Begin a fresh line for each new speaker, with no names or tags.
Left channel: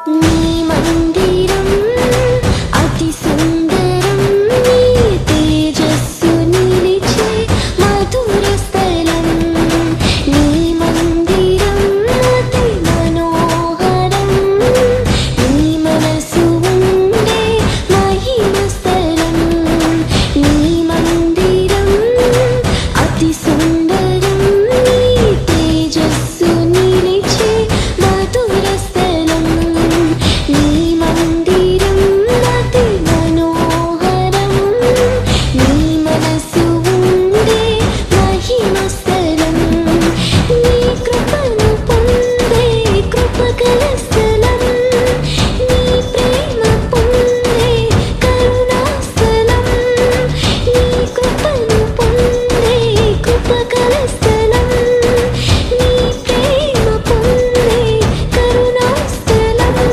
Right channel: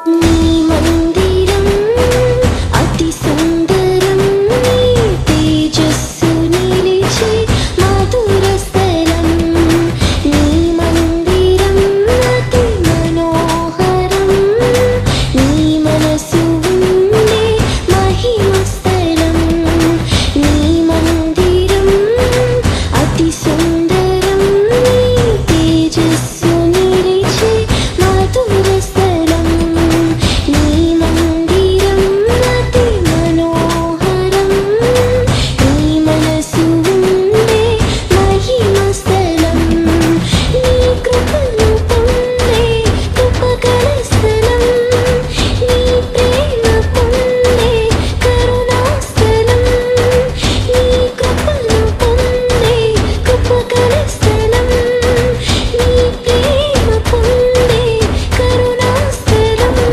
Thank you.